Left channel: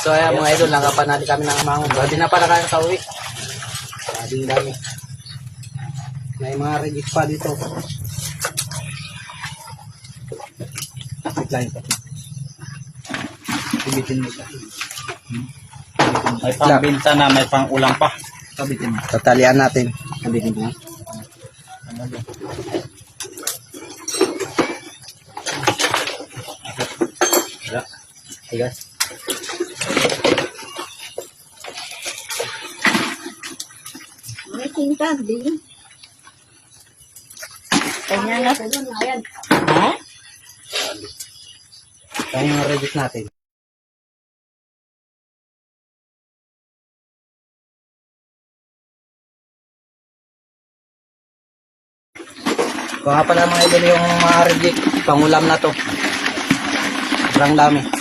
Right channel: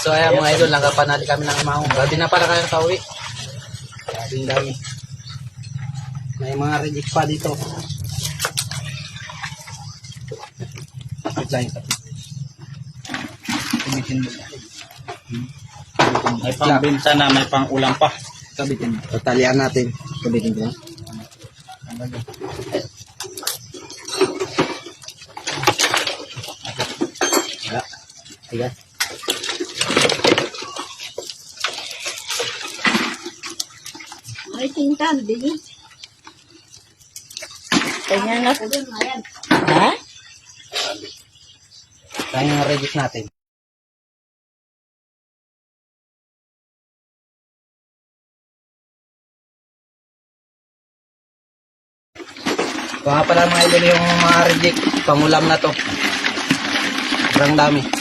So ayan mga idol, nakapanali kami ng amahong. Grabe na para kayo sa uwi. Grabing dami. May mga reject pa dito. Wait lang ito. Ibitin mo sa May pang binta na, may pang ulam pa. kabitin mo. Tatalian natin. Kabitin mo. Wala. Tigas. May tinta, di. Kanya nga po doon, ayan. Ito yung reject natin. Kuha pala mga idol yung mga reject. Pangulam na to. Sobrang dami.